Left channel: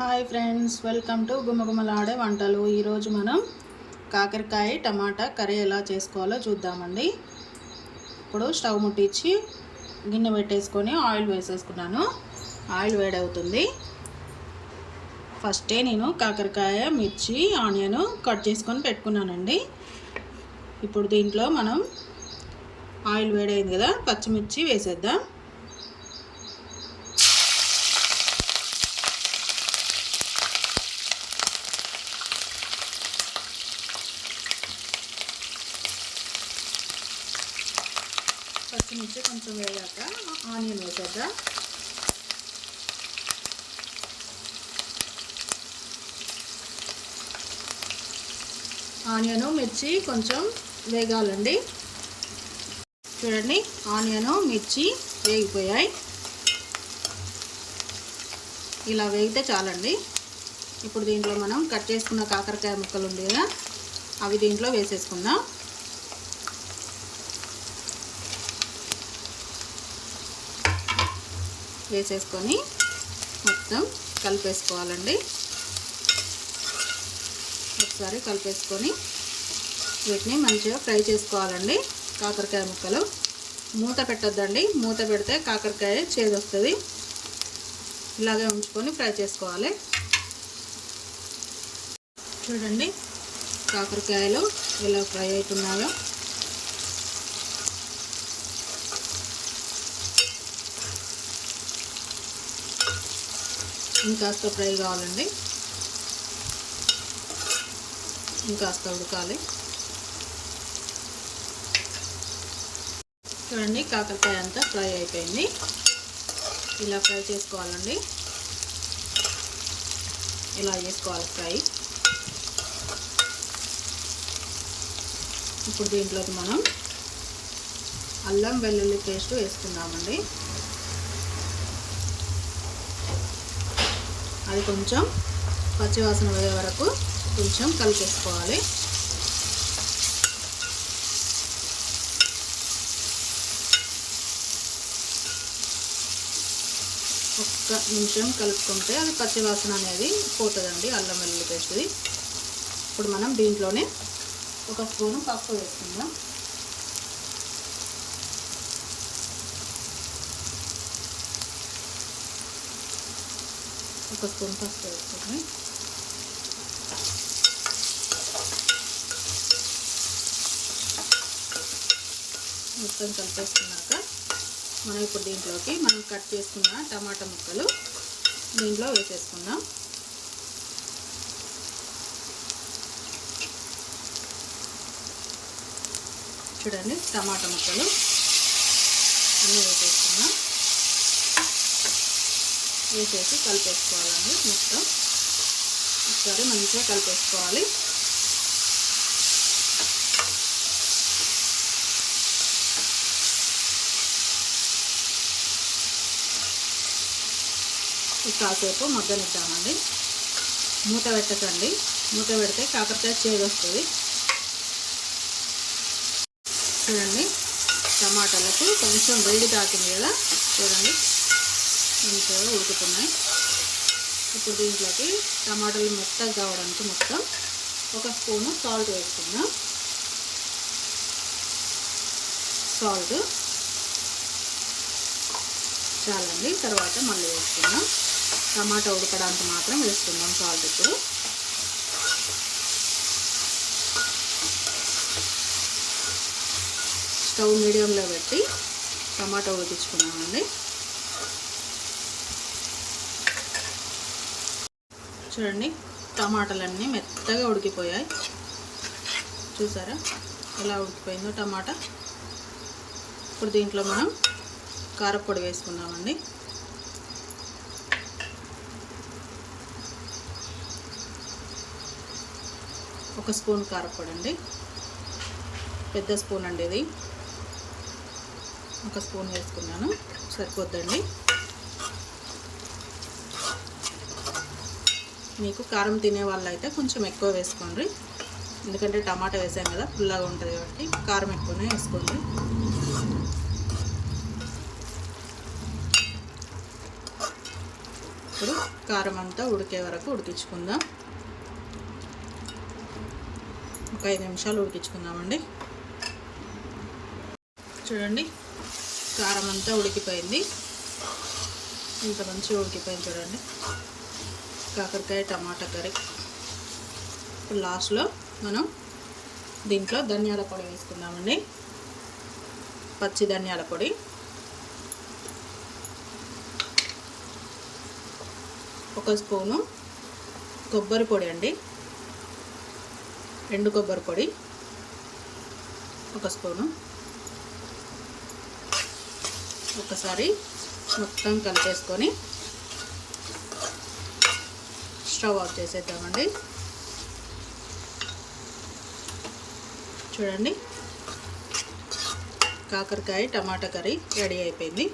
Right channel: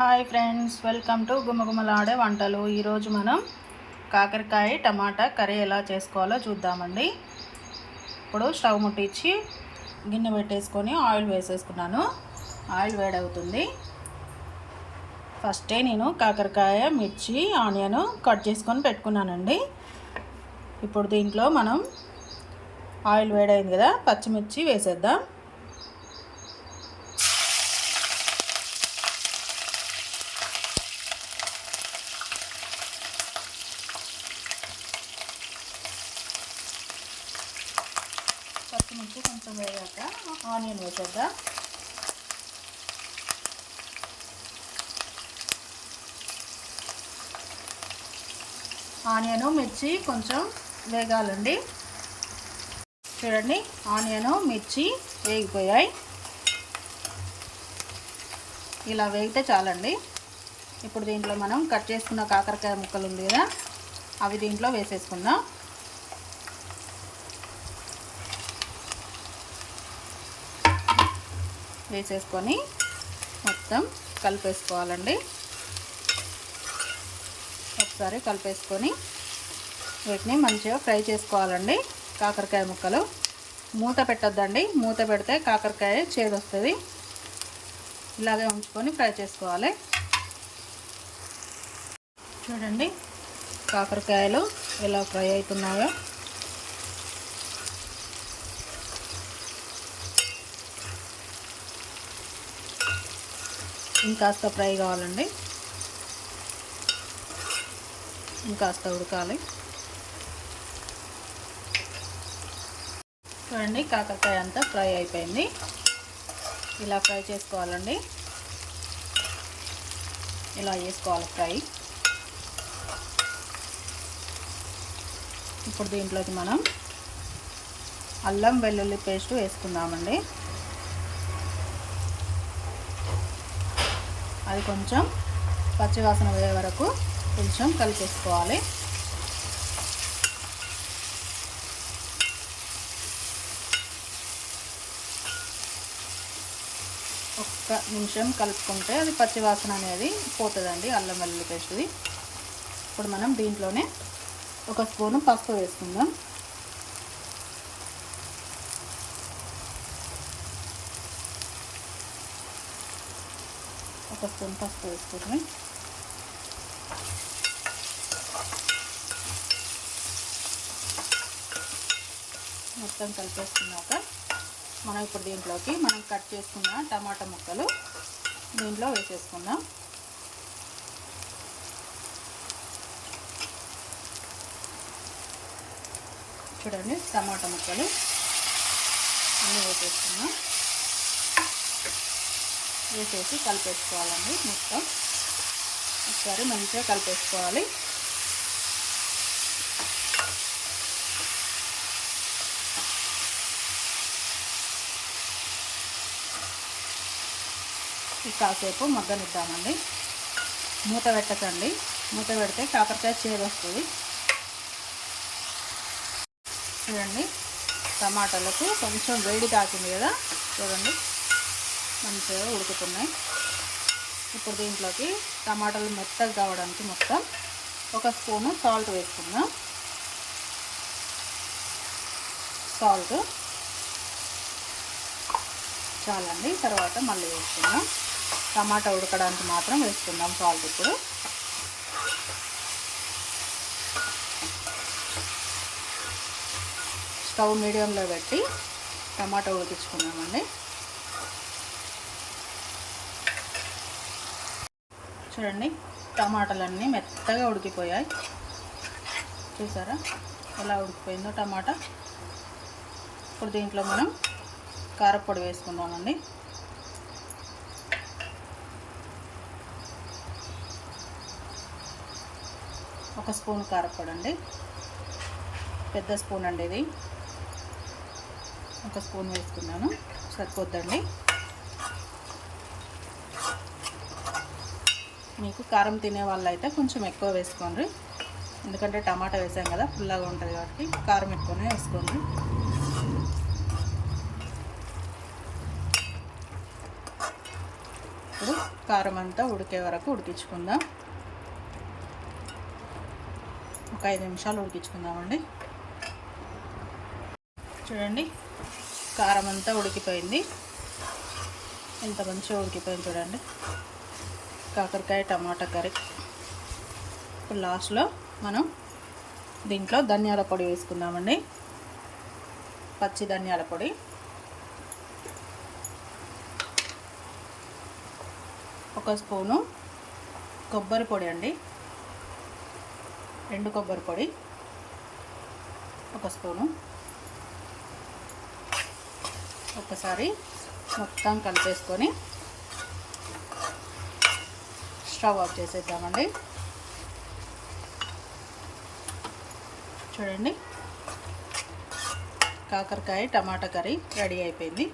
Hi friends, welcome to గుమగుమలాడే వంటలు. ఈరోజు మనం కాకరకాయ టమాటా కర్రీ ఎలా చేసుకోవాలో చూద్దామండి. ఇప్పుడు స్టవ్ ముట్టించి గిన్నె పెట్టేసుకొని ఆయిల్ వేసేసుకున్నాను. ఆయిల్ వేడవుతుంది. ఫస్టే నేను కాకరకాయ, మిర్చి, ఆనియన్ కట్ చేసుకొని పెట్టుకున్నానండి. ఇప్పుడు దీంట్లో మనం ఆయిల్ వేడైంది కదా, పచ్చిమిర్చి వేసేద్దాం. పచ్చిమిర్చి కొంచెం వేగాక ఆనియన్ వేసేద్దాం. ఆనియను మిర్చి కొంచెం వేగాలండి. చూడండి, ఆనియను మిర్చి వేగిపోయాయి. ఇలా వేగితే చాలండి. ఇప్పుడు దీంట్లో మనం కట్ చేసుకున్న కాకరకాయ ముక్కలు ఉంది కదా, అవి దీంట్లో వేసేసుకుందాం. వేసేసుకొని మొత్తం కలిపేసుకోవాలండి. ఒకసారి కలిపేసుకొని వీటిని మంచిగా ఫ్రై చేసుకోవాలండి. కాకరకాయ ముక్కలు మూత పెట్టొద్దండి. మూత పెడితే కాకరకాయ చేదొస్తుంది. ఇలాగే ఉంచుకొని ఫ్రై చేసుకోవాలి. చూడండి, కాకరకాయలు ఎలా ఫ్రై అవుతున్నాయో. ఇంకాస్త ఫ్రై కావాలండి, ఇంకాస్త ఉడకాలి. చూడండి, కాకరకాయ అంతా ఫ్రై అయిపోయింది. ఇలా ఫ్రై చేసుకోవాలండి. ఇలా చేసుకోవాలి ఫ్రై. ఇప్పుడు దీంట్లోకి మనం అల్లం వెల్లుల్లి పేస్ట్ వేసుకుందామండి. అది కొంచెం పచ్చివాసన పోయే వరకు కొంచెం కలిపేసుకోవాలి. ఒక్క నిమిషం కలుపుకుంటే అది పచ్చివాసన అనేది పోతుందండి, అల్లం వెల్లుల్లి పేస్ట్ది. ఇప్పుడు మనం దీంట్లోనే ఒక స్పూను పసుపు వేసుకుందాం. ఒక స్పూన్ పసుపు వేసుకుంటాం. మొత్తం కలిపేసుకున్నాక మనం ఇప్పుడు దీంట్లోకి మనం కట్ చేసుకున్న టమాటా ముక్కలు దీంట్లో వేసేసుకుందాం. చూడండి, టమాటా ముక్కలు అన్నీ వేసేసుకున్నాం. వేసేసి కలిపేసుకోవాలండి. మొత్తం ఒకసారి మంచిగా కలిపేసుకోవాలి. కాసేపు మగ్గనిద్దామండి. మూత పెట్టకండి. మూత పెడితే కాకరకాయ చేదొస్తుంది. చూడండి, టమాటాలకు కొంచెం వేడి తాకింది కదా. చూడండి, మంచిగా ఉడుకుతున్నాయి. ఇప్పుడు దీంట్లోకి టమాటాలు మెత్తగా కావడానికి మొత్తం ఒక స్పూను సాల్ట్ వేసుకుందాం. సాల్ట్ చాలండి, తర్వాత మళ్ళీ వేసుకుందాం. టమాటా ఉడకడానికి మాత్రం వేసుకుందాం సాల్ట్. ఇప్పుడు స్టవ్ మీడియంలో పెట్టి టమాటా ఉడికించుకున్నామండి. చూడండి, టమాటాలన్నీ మెత్తగా ఉడికిపోయాయి. చూసారా ఎలా ఉడికిపోయిందో టమాటా. ఇప్పుడు దీంట్లో మనం కారపొడి వేసుకుందామండి. ఒక స్పూన్ కారపొడి అండి, పెద్ద స్పూన్ అండి ఇది. ఒక స్పూన్ వేసుకున్నాను, సరిపోద్దండి. మీకు కారం తినే వాళ్ళు అయితే కొంచెం ఎక్కువ వేసుకోండి, ఎందుకంటే టమాటా వేసాం కదా, పుల్లగా ఉంటుంది కాబట్టి కారం ఎక్కువనే వేసుకోండి. ఇప్పుడు కారం అంతా ఉడికే వరకు ఉడికించుకుందాం. ఒక 5 నిమిషాలు ఉడికించుకుందామండి. చూడండి, కారం అంతా ఉడికిపోయింది. ఎంత మంచిగా ఉడికిపోయింది చూడండి కాకరకాయ టమాటా కర్రీ. ఇప్పుడు లాస్ట్లో మనం దీంట్లో ధనియాల పొడి వేసుకుందామండి. పచ్చి ధనియాల పొడి, ఒక స్పూను కొబ్బరి పొడి అండి, ఎండు కొబ్బరి పొడి ఒక స్పూను. ఒకసారి మొత్తం కలిపేసుకొని స్టవ్ ఆఫ్ చేసేద్దామండి. చూడండి, కాకరకాయ టమాటా కర్రీ రెడీ అయిపోయింది.